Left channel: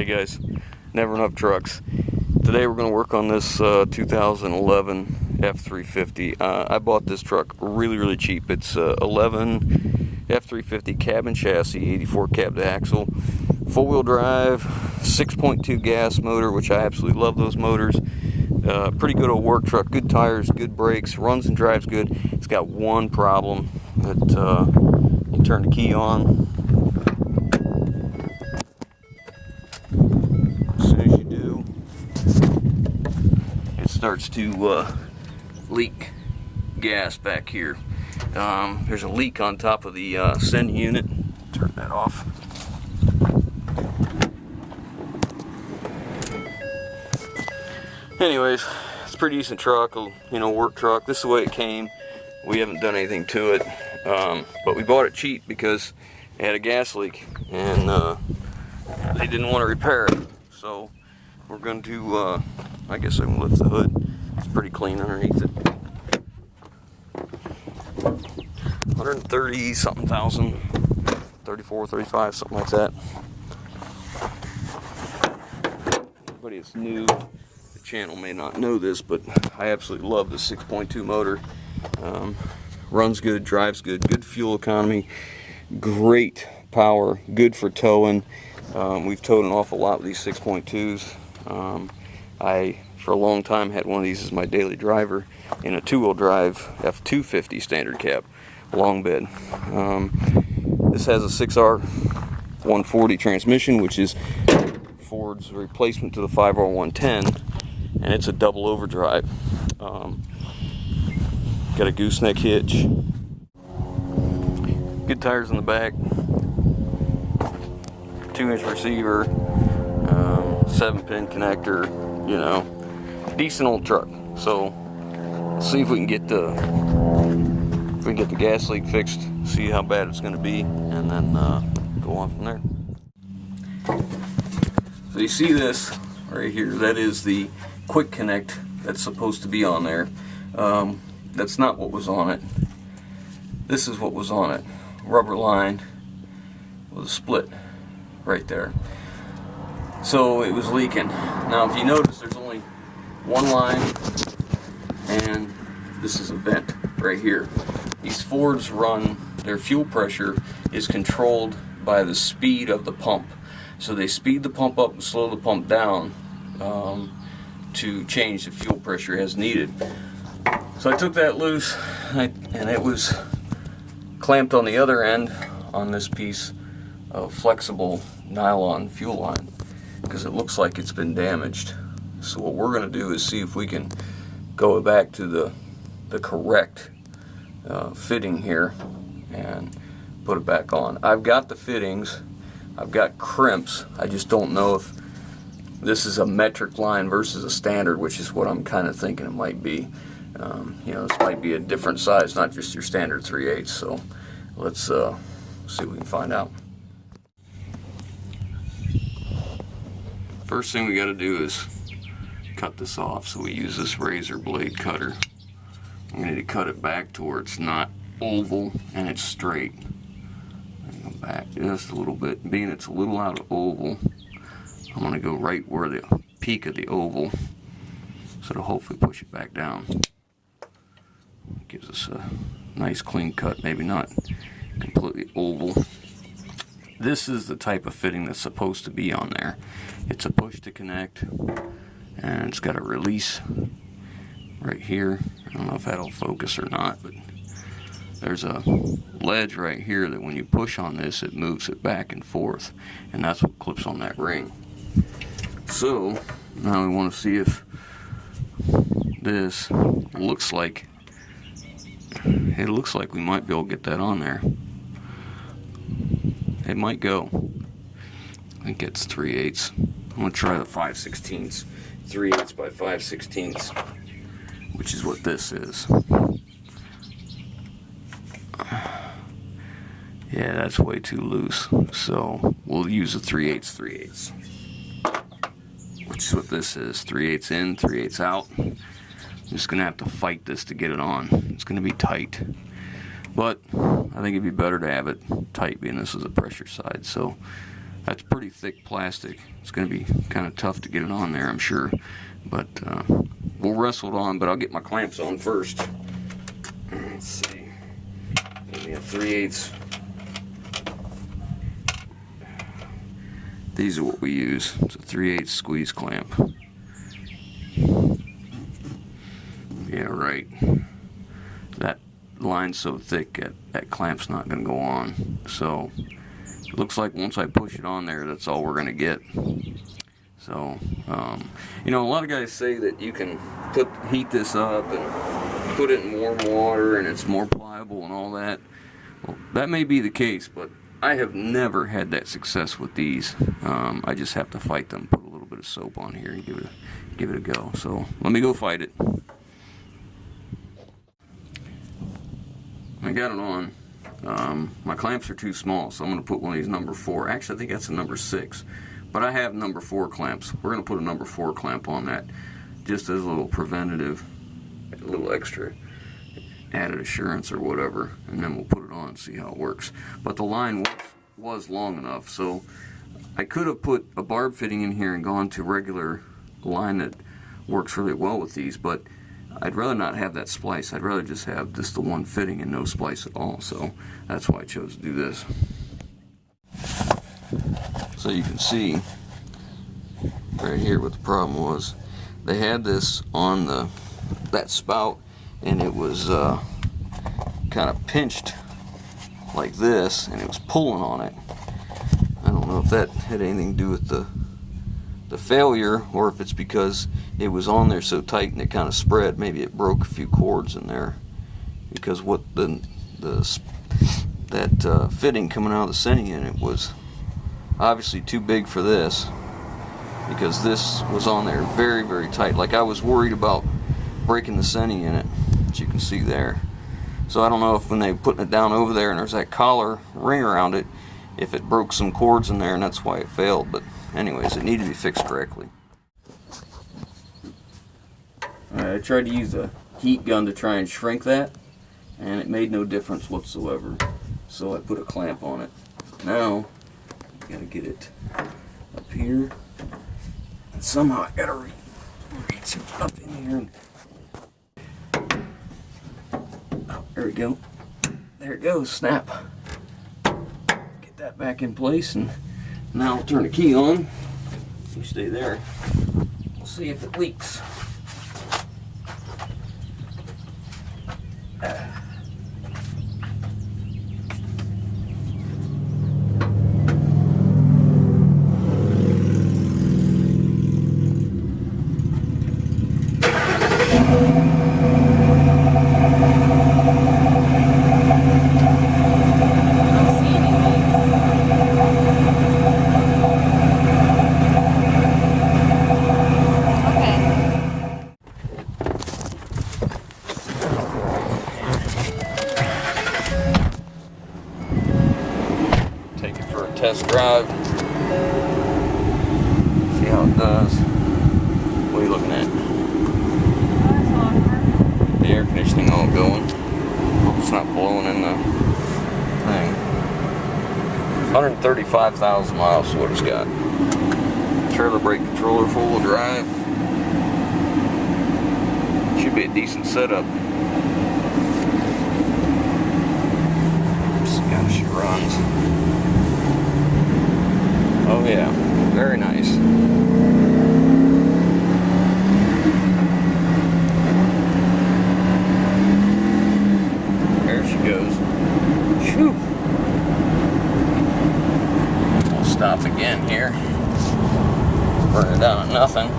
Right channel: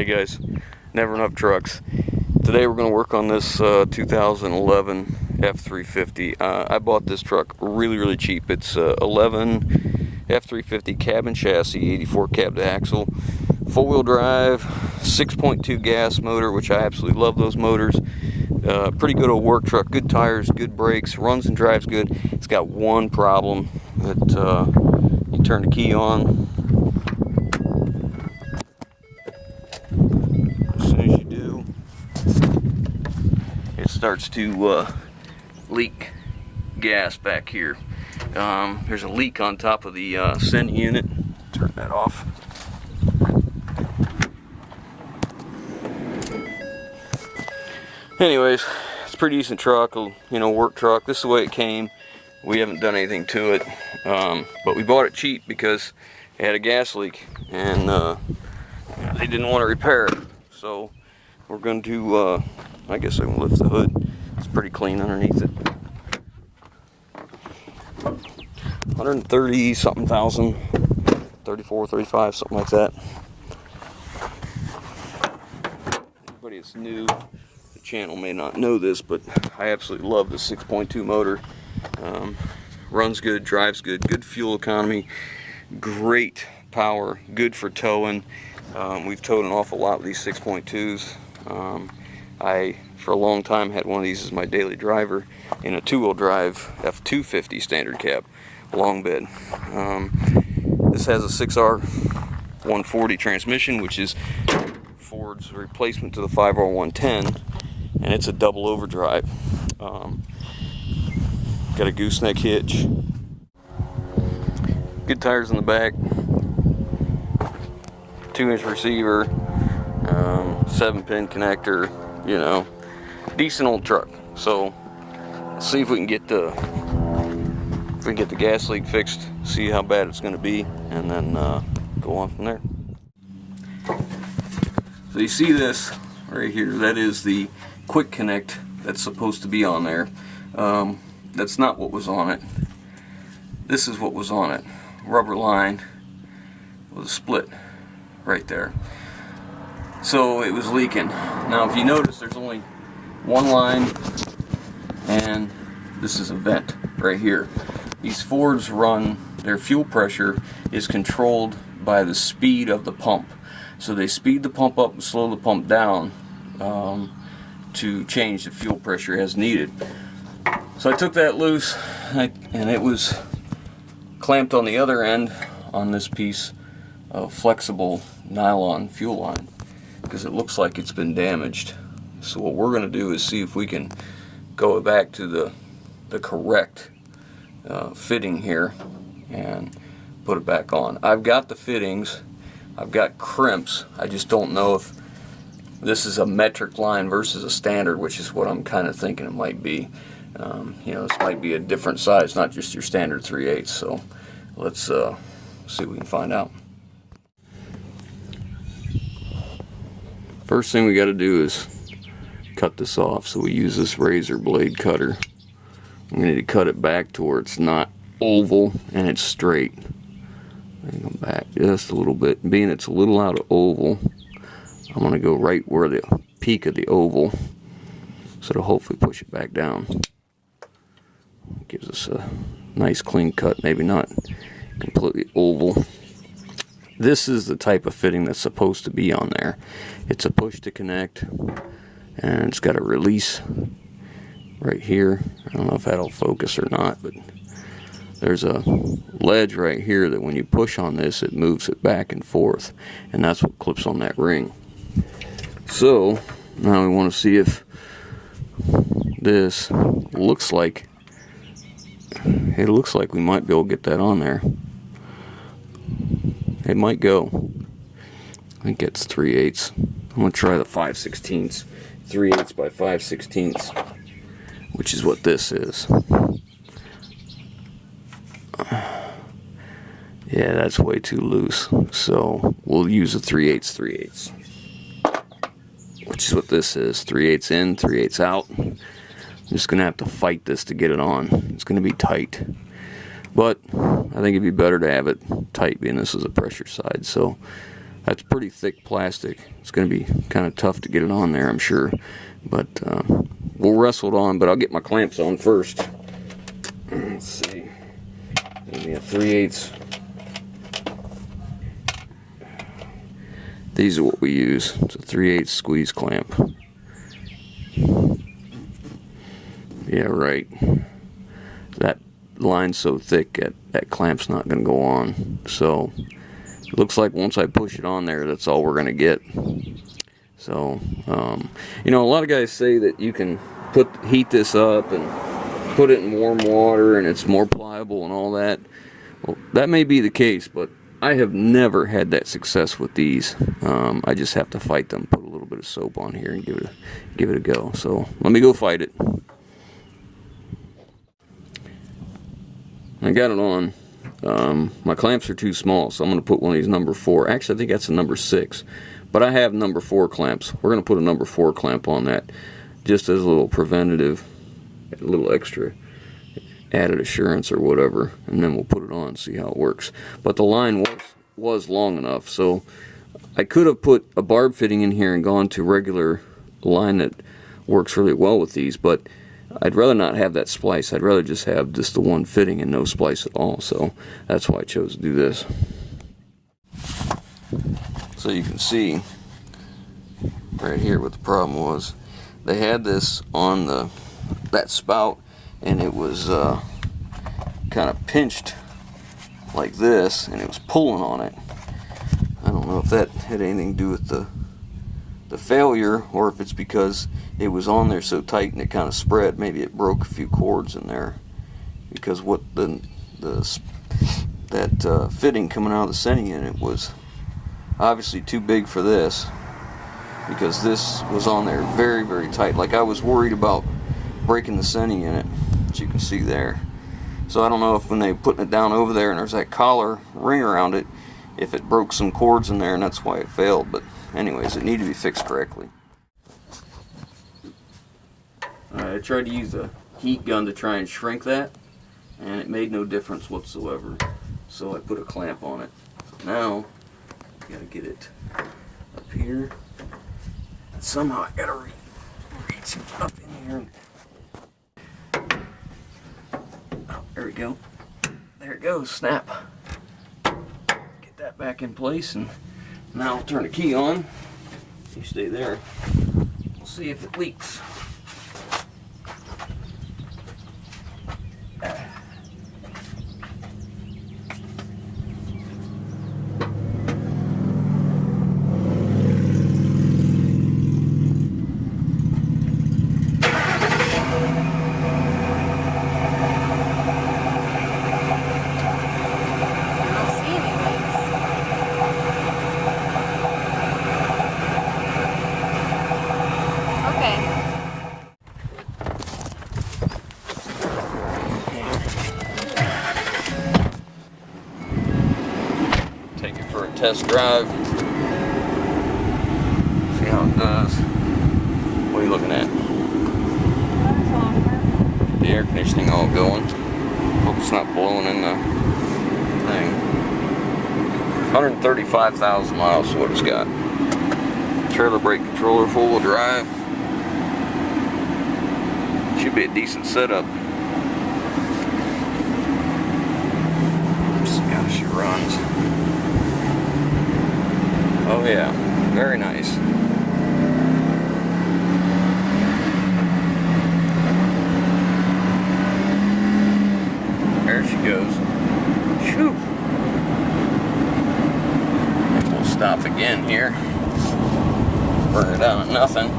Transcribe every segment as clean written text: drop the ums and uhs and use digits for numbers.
Hey guys, Never Enough Trucks. Today we're going to work on this 2011 F350. I bought this truck really cheap. It's 11 F350 cab and chassis, 84 cab to axle, four-wheel drive, 6.2 gas motor, which I absolutely love those motors. Pretty good old work truck, good tires, good brakes, runs and drives good. It's got one problem that you turn the key on. As soon as you do, it starts to leak gas back here. There's a leak on top of the sending unit. Turn that off. Anyways, it's a pretty decent truck, work truck. This is the way it came. We haven't done anything to it, but we bought it cheap because it had a gas leak, and they didn't want to repair it. So we're going to, I guess I can lift the hood. It's pretty clean underneath it. 130 something thousand, 34, 35, something like that. Anybody that's new to the channel may not know this, but I absolutely love the 6.2 motor. Runs good, drives good, good fuel economy, great power, good for towing. We've towed an awful lot with these 6.2s. I, for a long time, had one of these as my daily driver in a two-wheel drive F250 standard cab, long bed. This has a 6R140 transmission, which is Ford's replacement to the 5R110, and it's a double overdrive. Got a gooseneck hitch, good tires in the back, 2-inch receiver, 7-pin connector, decent old truck. So let's see if we can get the gas leak fixed, see how bad it's going to be, and then go on from there. So you see this right here, that is the quick connect that's supposed to be on there. That's not what was on it. This is what was on it. Rubber line with a split right there. So it was leaking. Now if you notice, there's only one line, and this is a vent right here. These Fords their fuel pressure is controlled by the speed of the pump. So they speed the pump up and slow the pump down to change the fuel pressure as needed. So I took that loose, and it was clamped on the other end on this piece of flexible nylon fuel line because it looks like it's been damaged. So what we're going to do is see if we can go back to the correct fitting here and put it back on. I've got the fittings, I've got crimps. I just don't know if this is a metric line versus a standard, which is what I'm kind of thinking it might be. This might be a different size, not just your standard 3/8. So let's see what we can find out. First thing we got to do is cut this off. So we use this razor blade cutter. We need to cut it back to where it's not oval and it's straight. Go back just a little bit. Being it's a little out of oval, I'm going to go right where the peak of the oval, so to hopefully push it back down. Gives us a nice clean cut, maybe not completely oval. This is the type of fitting that's supposed to be on there. It's a push to connect, and it's got a release right here. I don't know if that'll focus or not, but there's a ledge right here that when you push on this, it moves it back and forth, and that's what clips on that ring. So now we want to see if this looks like we might be able to get that on there. It might go. I think it's 3/8. I'm going to try the 5/16, 3/8 by 5/16, which is what this is. Yeah, that's way too loose. So we'll use a 3/8, which is what this is. 3/8 in, 3/8 out. I'm just going to have to fight this to get it on. It's going to be tight. But I think it'd be better to have it tight, being this is a pressure side. So That's pretty thick plastic. It's going to be kind of tough to get it on there, I'm sure. But we'll wrestle it on, but I'll get my clamps on first. Let's see. Yeah, 3/8. These are what we use. It's a 3/8 squeeze clamp. Yeah, right. That line's so thick that clamp's not going to go on. So it looks like once I push it on there, that's all we're going to get. So, you know, a lot of guys say that you can heat this up and put it in warm water and it's more pliable and all that. Well, that may be the case, but I have never had that success with these. I just have to fight them, put a little bit of soap on here and give it a go. So let me go fight it. I got it on. My clamps are too small, so I'm going to put one of these number 4. Actually, I think that's a number 6. But I have number 4 clamps. We're going to put a number 4 clamp on that, just as a little preventative, a little extra added assurance or whatever, and then we'll put it on and see how it works. But the line was long enough, so I could have put a barb fitting in here and gone to regular line that works really well with these, but I'd rather not have that splice. I'd rather just have just the one fitting and no splice at all, so that's why I chose to do this. So you can see right here what the problem was. They had this on that spout, and it was kind of pinched like this, and it was pulling on it. I don't know if that had anything to do with the failure, or if it's because it was on there so tight and it kind of spread. Maybe it broke a few cords in there, because what that fitting coming out of the sending unit was obviously too big for this, because this was on there very, very tight. Like, I was worried about breaking the sending unit, as you can see there. So I don't know if when they putting it down over there and there's that collar ring around it, if it broke some cords in there and that's why it failed. But anyways, it needed to be fixed correctly. Alright, I tried to use a heat gun to try and shrink that, and it made no difference whatsoever. So I put a clamp on it. Now I gotta get it up here. And somehow I gotta reach up in here. Oh, there we go. There it goes. Snap. Get that back in place, and now I'll turn the key on. You stay there. We'll see if it leaks. Test drive. See how it does. What are you looking at? The air conditioning all going. Hope it's not blowing in the thing. 135,000 miles is what it's got. Trailer brake controller, 4-wheel drive. Should be a decent setup. See how she runs. Oh yeah, very nice. There she goes. Shoo. We'll stop again here. Burn her down to nothing.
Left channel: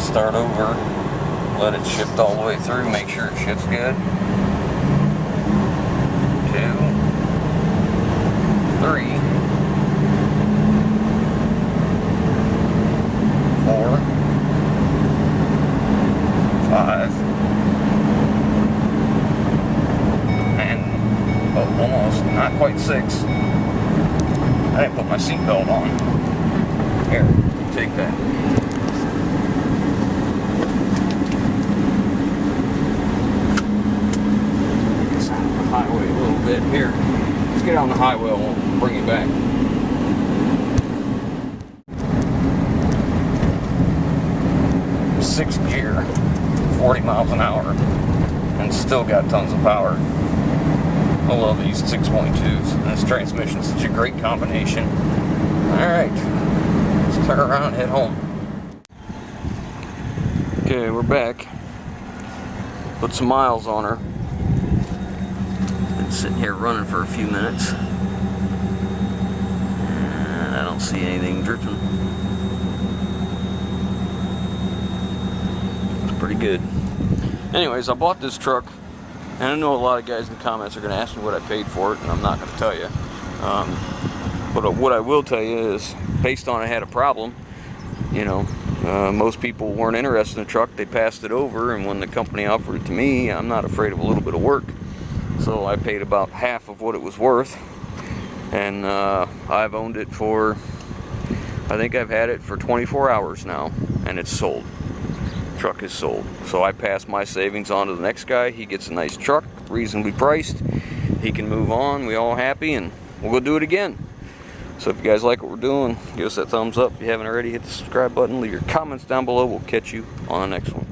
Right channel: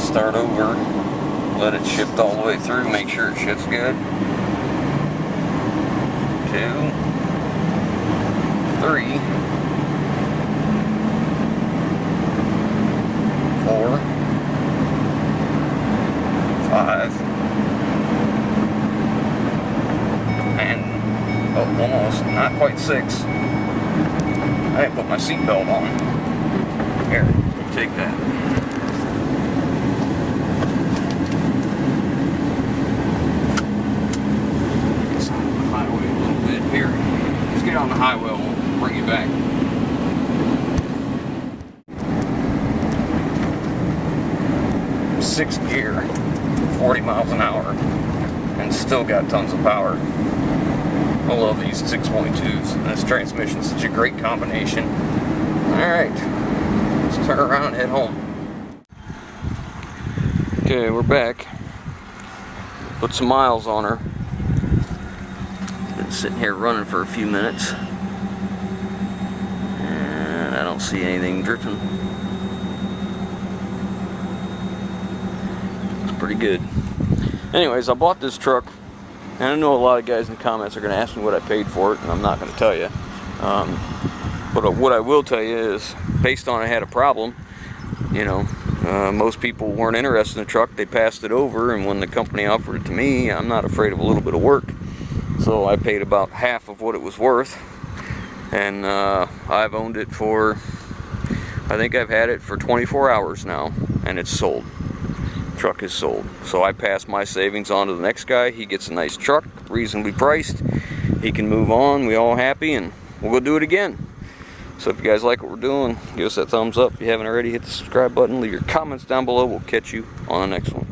Start over. Let it shift all the way through. Make sure it shifts good. 2, 3. 4, 5, and almost, not quite 6. I didn't put my seatbelt on. Here, take that. It's on the highway a little bit. Here, let's get on the highway and we'll bring you back. 6th gear, 40 miles an hour, and still got tons of power. I love these 6.2s, and this transmission's such a great combination. Alright, let's turn around and head home. Okay, we're back. Put some miles on her. Been sitting here running for a few minutes, and I don't see anything dripping. It's pretty good. Anyways, I bought this truck, and I know a lot of guys in the comments are going to ask me what I paid for it, and I'm not going to tell you. But what I will tell you is, based on I had a problem, you know, most people weren't interested in the truck. They passed it over, and when the company offered it to me, I'm not afraid of a little bit of work. So I paid about half of what it was worth, and I've owned it for, I think I've had it for 24 hours now, and it's sold. Truck is sold. So I pass my savings on to the next guy. He gets a nice truck, reasonably priced. He can move on. We all happy, and we'll go do it again. So if you guys like what we're doing, give us that thumbs up. If you haven't already, hit the subscribe button. Leave your comments down below. We'll catch you on the next one.